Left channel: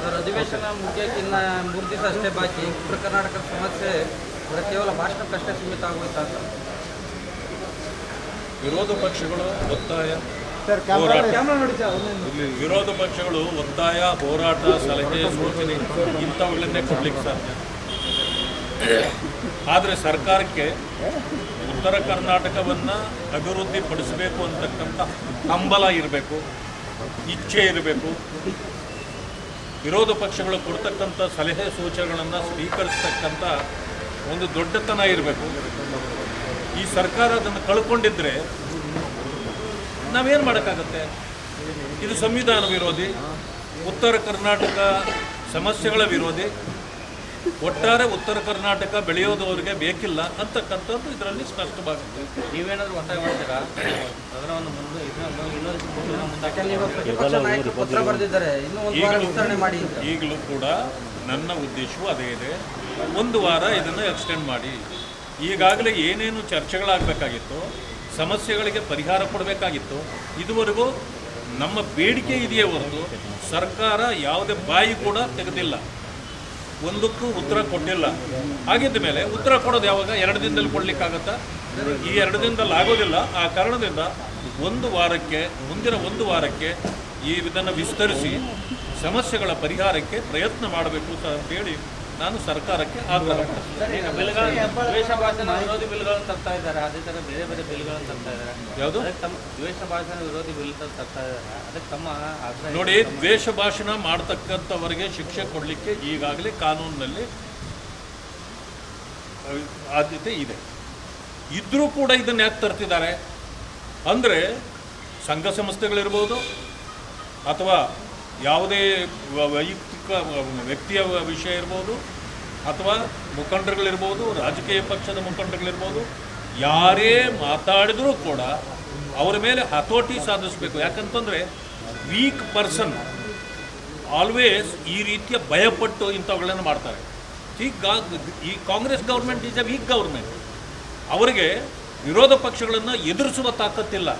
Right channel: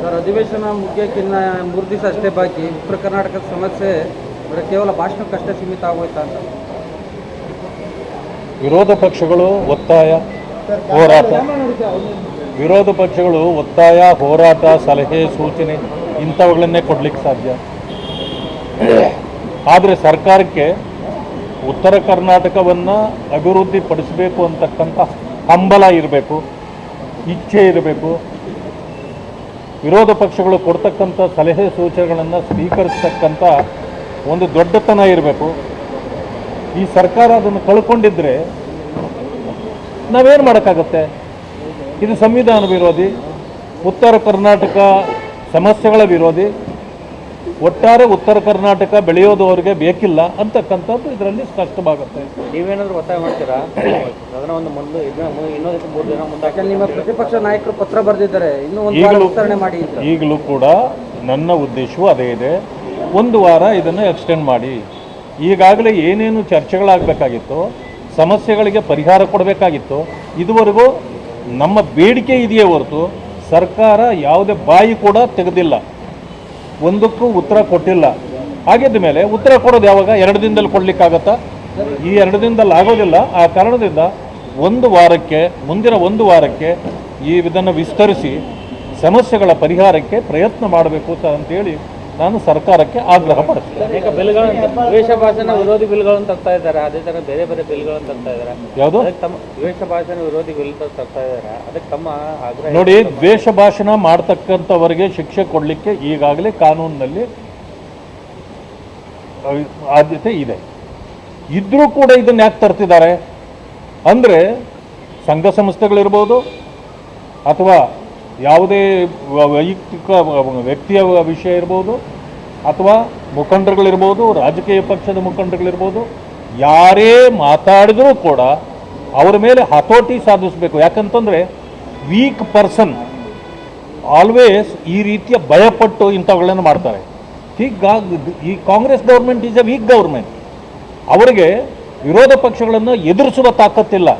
Sir, ಅಧಿವೇಶನ ಮುಗಿಯೋಕ್ಕಿನ್ನ 3 ದಿವಸ ಅಷ್ಟೇ ಬಾಕಿ. ಉತ್ತರ ಕರ್ನಾಟಕದ ಸಮಸ್ಯೆ ಕೇವಲ ಭಾಷಣಕ್ಕಷ್ಟೇ ಸೀಮಿತ ಆಗೋಯ್ತಾ ಅಂತ ವಿರೋಧ ಪಕ್ಷಗಳು ಒತ್ತಾಯ ಹೋರಾಟ ವಿರೋಧ ಪಕ್ಷಗಳು ಒತ್ತಾಯ ಹೋರಾಟ ಸಲಹೆ ಸೂಚನೆ ಇಂಥವುಗಳನ್ನೇ ಕೊಡಲಿಕ್ಕೆ ಸಾಧ್ಯ. ಆದರೆ ಸರ್ಕಾರಕ್ಕೆ ಉತ್ತರ ಕರ್ನಾಟಕವನ್ನು ಅಭಿವೃದ್ಧಿಪಡಿಸಬೇಕು ಅಂತಕ್ಕಂಥ ಹಂಬಲ ಇರಬೇಕು, ಇಚ್ಛೆ ಇರಬೇಕು. ವಿರೋಧ ಪಕ್ಷಗಳು ಕೊಡ್ತಕ್ಕಂಥ ಸಲಹೆ ಸೂಚನೆಗಳನ್ನು ಸ್ವೀಕರಿಸ್ತಕ್ಕಂಥ ಒಂದು ದೊಡ್ಡತನ ಇರಬೇಕು. ಈ ಸರ್ಕಾರ ಅದನ್ನು ಕಳ್ಕೊಂಡಿದ್ರೆ ನಾವೇನು ಮಾಡೋಕ್ಕಾಗತ್ತೆ? ಇದು ಸಂವಿಧಾನ ವಿರೋಧಿ, ಉತ್ತರ ಕರ್ನಾಟಕ ಸಮಸ್ಯೆಗಳ ವಿರೋಧಿ, ಒಟ್ಟಾರೆ ಉತ್ತರ ಕರ್ನಾಟಕ ಬೆಳೆಯೋದು ಅವರಿಗೆ ಬೇಕಿಲ್ಲ ಅಂತಕ್ಕಂಥದ್ದು ಇದರಲ್ಲಿ ಸ್ಪಷ್ಟವಾಗುತ್ತೆ. ನೀವೇನಾದರೂ ಒತ್ತಾಯ ಮಾಡ್ತೀರಾ ಅದನ್ನ ಒಂದು ಇನ್ನೊಂದಕ್ಕೆ 3 ದಿನ ಮುಂದೆ? ನಿಮ್ಮ ಪ್ರತಿಪಕ್ಷ ನಾಯಕರು ಪತ್ರ ಬರೆದಿದ್ದಾರೆ, ಇನ್ನೂ ಒಂದು ವಿಸ್ತರಣೆ ಮಾಡಿ. ಈಗಲೂ ಕೂಡ ನನ್ನ ಉದ್ದೇಶವೂ ಅದೇ ಇದೆ, 1 ವಾರ ಇದನ್ನು ಎಕ್ಸ್ಟೆಂಡ್ ಮಾಡಿ. ಈಗಾಗಲೇ ಏನೇನು ಚರ್ಚೆಗಳಾಗಬೇಕಾಗಿತ್ತು, ಸಮಸ್ಯೆಗಳಿಗೆ ಪರಿಹಾರ ಕೊಡಬೇಕಾಗಿತ್ತು, ಇದುವರೆಗೂ ನಮ್ಮ ಬೇಡಿಕೆ ಇದೆಯೇ ಹೊರತು ಸರ್ಕಾರ ಯಾವುದೇ ಬಾಯಿ ಕೂಡ ತೆಗೆದಿಲ್ಲ, ಒಂದಕ್ಕೂ ಉತ್ತರ ಕೊಟ್ಟಿಲ್ಲ. ಹಾಗಿದ್ದ ಮೇಲೆ ಉತ್ತರ ಕೊಡೋದು ಯಾವಾಗ? 2 ದಿನದಲ್ಲಿ ಕೊಡಲಿಕ್ಕಾಗತ್ತಾ? ಈ 2 ದಿನದಲ್ಲಿ ಆಗೋದಿಲ್ಲ. ಆ ಕಾರಣದಿಂದ 1 ವಾರಕ್ಕೆ, ಮುಂದಿನ 1 ವಾರಕ್ಕೆ ಇದನ್ನು ವಿಸ್ತರಿಸಿ ಸಮಸ್ಯೆಗಳ ಪರಿಹಾರಕ್ಕೆ ಪ್ರಯತ್ನ ಮಾಡಬೇಕು ಅಂತೇಳಿ ನಾನು ಸರ್ಕಾರಕ್ಕೆ ಆಗ್ರಹ ಪಡ್ತೀನಿ. ಅನೇಕ ಬಿಲ್ಗಳನ್ನು ದ್ವೇಷ ಭಾಷಣ ವಿರೋಧಿ ಬಿಲ್ಗಳನ್ನು ತರ್ತಾ ಇದ್ದಾರೆ, ಅದೇ ಥರ ಬೇರೆ ಬೇರೆ ಬಿಲ್ಗಳನ್ನು ತರ್ತಾ ಇದ್ದಾರೆ. ಯಾವುದು? ತಮ್ಮ ದ್ವೇಷ ಭಾಷಣ ವಿರೋಧಿ ಬಿಲ್ ತರ್ತಾ ಇದ್ದಾರೆ, ಅದಕ್ಕೆ ತಮ್ಮ ಆಗ್ರಹ. ನೋಡಿ, ದ್ವೇಷ ಭಾಷಣ ಮಾಡ್ತಕ್ಕಂಥವರಿಗೆ ಶಿಕ್ಷೆ ಕೊಡಲಿಕ್ಕೆ ಈಗಾಗಲೇ ಕಾನೂನಿನಲ್ಲಿ ಆದ್ಯತೆ ಇದೆ. ಇದ್ರೂ ಕೂಡ ಇದನ್ನು ಯಾಕೆ ತರ್ತಿದ್ದಾರೆ ಅಂದರೆ, ಸಂಘ ಸಂಸ್ಥೆಗಳಿರ್ಬೋದು ಅಥವಾ ಯಾವುದೇ ವೈಯಕ್ತಿಕ ವ್ಯಕ್ತಿಯ ವಿಷಯ ಇರ್ಬೋದು ಅಥವಾ ಮುಖಂಡರುಗಳಿರ್ಬೋದು, ರಾಜಕೀಯ ಪಕ್ಷದ ಮುಖಂಡರುಗಳಿರ್ಬೋದು, ಯಾರೇ ಮಾತಾಡಿದರೂ ಕೂಡ ಅವರ ಮೇಲೆ ಹತೋಟಿ ಸಾಧಿಸಬೇಕು. ಯಾಕಂತಂದರೆ ವೀಕ್ ಪರ್ಸನ್ ಆಲ್ವೇಸ್ ಈ ರೀತಿಯ ಭಯಪಟ್ಟು ಇಂಥವುಗಳನ್ನು ಮಾಡ್ತಾರೆ. ಹೀಗಾಗಿ ಈ Congress government is a weak government. ಅವರಿಗೆ ವಿರೋಧ ಪಕ್ಷಗಳನ್ನು ಎದುರಿಸುವ ತಾಕತ್ತಿಲ್ಲ.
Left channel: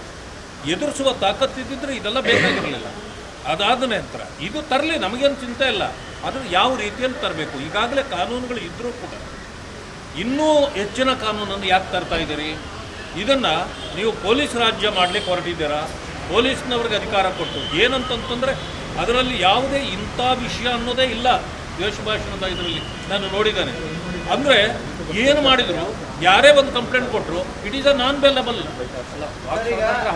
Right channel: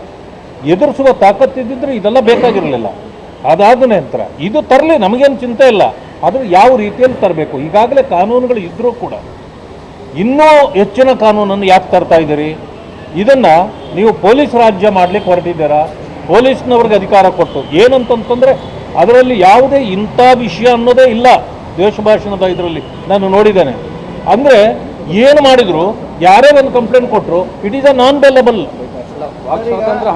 ಎದುರಿಸುವ ತಾಕತ್ತಿದ್ದರೆ ಇದೆಲ್ಲ ಬೇಕಾಗಿರಲಿಲ್ಲ. ಅದಾದ ನಂತರ ಇದು ತರಲಿ, ನಮಗೇನು ಚಿಂತೆ ಇಲ್ಲ, ಆದರೆ ಯಾವ ರೀತಿಯಲ್ಲಿ ತರಬೇಕು. ಈಗಾಗಲೇ ಕಾನೂನುಗಳು ಇದ್ದರೂ ಕೂಡ ಇನ್ನೂ ಹೆಚ್ಚಿನ ಕಾನೂನನ್ನು ಯಾಕೆ ತರ್ತಾ ಇದ್ದೀರಿ? ಇದನ್ನು ನೀವು ಪೊಲೀಸ್ ರಾಜ್ಯ ಮಾಡಲಿಕ್ಕೆ ಹೊರಟಿದ್ದೀರಾ, ಪೊಲೀಸ್ನವ್ರಿಗೆ ಅಧಿಕಾರ ಕೊಟ್ಟು. ಏನಂತಂತಂದರೆ ಅದರಲ್ಲಿ ಯಾವುದೇ ಇಂಥ ವಿಷಯ ಅನ್ನೋದೇ ಇಲ್ಲ. ದ್ವೇಷ ಭಾಷಣದ ಇದರಲ್ಲಿ ನಾನು ನೋಡಿದ್ದೇನೆ. ಅಂದರೆ ಏನು ಮಾಡಿದ್ರು, ಯಾರೇ ಒಂದು ಕಂಪ್ಲೇಂಟ್ ಕೊಟ್ಟರು, it is a non bailable.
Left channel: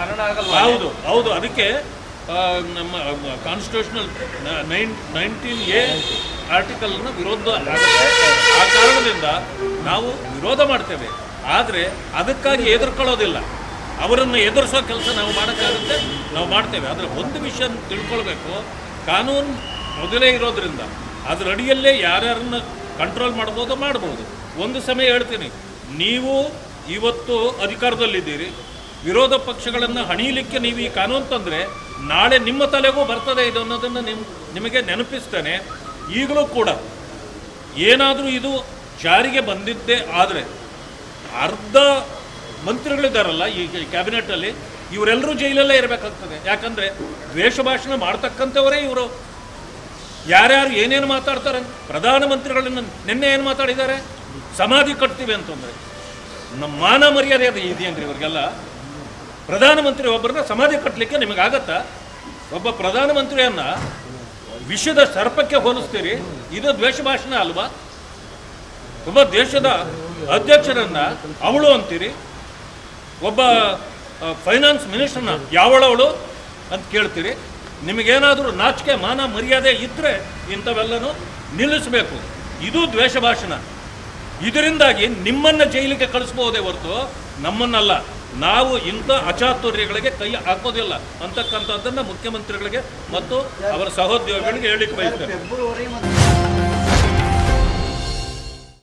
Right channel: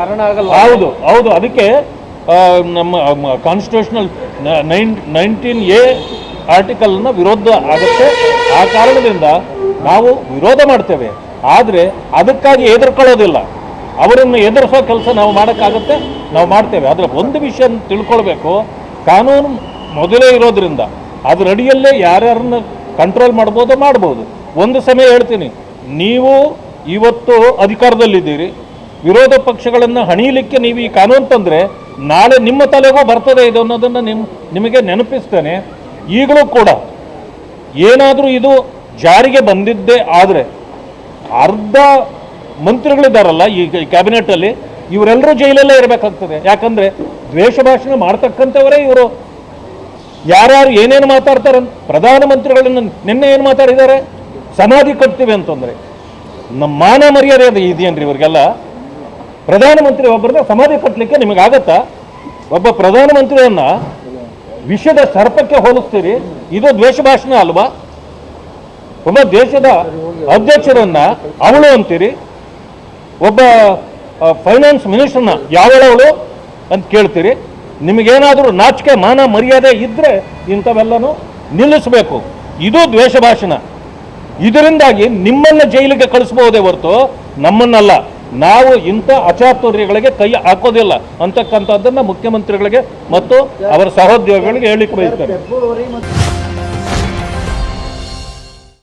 ಹರಣ ಆಗಲ್ಲ. ಹೌದು ಹೌದು. ಅದಕ್ಕೆ ನಮ್ಮ ಕಾನ್ಸ್ಟಿಟ್ಯೂಷನಲ್ 19A ಆರ್ಟಿಕಲ್ನ ವಿರೋಧ ಆಗುತ್ತೆ. ಆ ಕಾರಣದಿಂದ ನಾವು ವಿರೋಧ ಮಾಡ್ತೇವೆ, ಆದರೆ ಅದಕ್ಕಾಗಿ ಎದುರ್ಕೊಳ್ಳೋದಿಲ್ಲ. ಅವರನ್ನು ಎದುರಿಸೋ ಕೆಲಸ ನಾವು ಮಾಡೋಕ್ಕಾಗುತ್ತೆ, ನಾವು ಮಾಡ್ತೇವೆ. ಆದರೆ ಒಂದು ವಿಷಯ ತಿಳ್ಕೊಳ್ಬೇಕು, ಕಾನೂನು ಮೊದಲೇ ಇರೋದ್ರಿಂದ ಅದರ ಅಡಿಯಲ್ಲೇ ಯಾರ್ಯಾರನ್ನ ಕಂಟ್ರೋಲ್ ಮಾಡ್ಬೋದು. ಒಂದು ಸಮಯ ಹೇಳ್ತೀನಿ, ನೀವು ಇವತ್ತು ಅಧಿಕಾರದಲ್ಲಿದ್ದೀರಿ, ವಿರೋಧ ಪಕ್ಷಗಳನ್ನು ಹಣಿಯಲಿಕ್ಕೆ ನೀವು ಈ ಕಾನೂನು ತಂದರೆ ನಾಳೆ ನಿಮ್ಮ ತಲೆಗೂ ಬರ್ತದೆ ಇದು ಅನ್ನೋದನ್ನು ನಿಮಗೆ ನೆನಪಿಸ್ತೇನೆ. ಈಗಲೂ ಕೂಡ ಏನಾದರೂ ಇದು ಜಾರಿಗೆ ಬಂದಿದ್ದೇ ಆದರೆ ಅರ್ಧ ಮಂತ್ರಿಗಳಿದ್ದಾರಲ್ಲ ಈ ಕ್ಯಾಬಿನೆಟಲ್ಲಿ, ಇವರೆಲ್ಲರೂ ಜೈಲಲ್ಲೇ ಇರಬೇಕಾಗ್ತದೆ. ಯಾಕಂದರೆ ದ್ವೇಷ ಭಾಷಣ ಮಾಡ್ತಕ್ಕಂಥವರೇ ಇವರು. ಯಾರ್ಯಾರು ಏನೇನು ಮಾತಾಡ್ತಾರೆ, ಪ್ರಧಾನಮಂತ್ರಿಗಳನ್ನು ನಿನ್ನೆ ಏನು ಮಾತಾಡಿದ್ದಾರೆ, ಸಮಾಧಿ ಕಟ್ತೀವಿ ಅಂತಂದರೆ ನಮ್ಮ ಮಾನ ಮರ್ಯಾದೆ ಅದು ಇದೆಯೇನ್ರಿ ಇವ್ರಿಗೆಲ್ಲ? ಪ್ರಧಾನಮಂತ್ರಿ ಒಬ್ಬರನ್ನ ಸಮಾಧಿ ಕಟ್ಟಲಿಕ್ಕೆ ನಿಮಗಾಗತ್ತಾ? ಒಬ್ಬ ಪ್ರಧಾನಮಂತ್ರಿಯನ್ನ ವಿಷದ ಸರ್ಪಕ್ಕೆ ಹೋಲಿಸ್ತೀರಿ, ಇದು ದ್ವೇಷ ಭಾಷಣ ಅಲ್ವಾ? ಒಬ್ಬ ದೇಶದ ಅಧ್ಯಕ್ಷರನ್ನ ಅವಳು ಅಂತೀರಿ, ಒಬ್ಬ ಫೈನಾನ್ಸ್ ಮಿನಿಸ್ಟರ್ನ ಯಾವಳವಳು ಅಂತ ಕೇಳ್ತೀರಿ. ನಿಮಗೇನಾದರೂ ನಾಚಿಕೆ ಮಾನ ಮರ್ಯಾದೆ ಇದ್ದರೆ ಇಂಥವೆಲ್ಲನೂ ನಿಲ್ಲಿಸಬೇಕು. ಇದು ದ್ವೇಷ ಭಾಷಣ. ಇದರಿಂದಾಗಿ ನಿಮ್ಮನ್ನು ಜೈಲಿಗೆ ಕಳಿಸ್ಬಹುದೇ ಹೊರತು ನಮ್ಮನ್ನಲ್ಲ. ನಾವು ಇಂಥ ಅಚಾತುರ್ಯಗಳಿಗೆ ಕೈ ಹಾಕೋದಿಲ್ಲ ಅಂತಕ್ಕಂಥದ್ದನ್ನು ಮುಖ್ಯಮಂತ್ರಿಗಳಿಗೆ ಮತ್ತು ಅವರ ಸಹೋದ್ಯೋಗಿಗಳಿಗೆ ಹೇಳಿಕೆ ಬಯಸ್ತೇನೆ.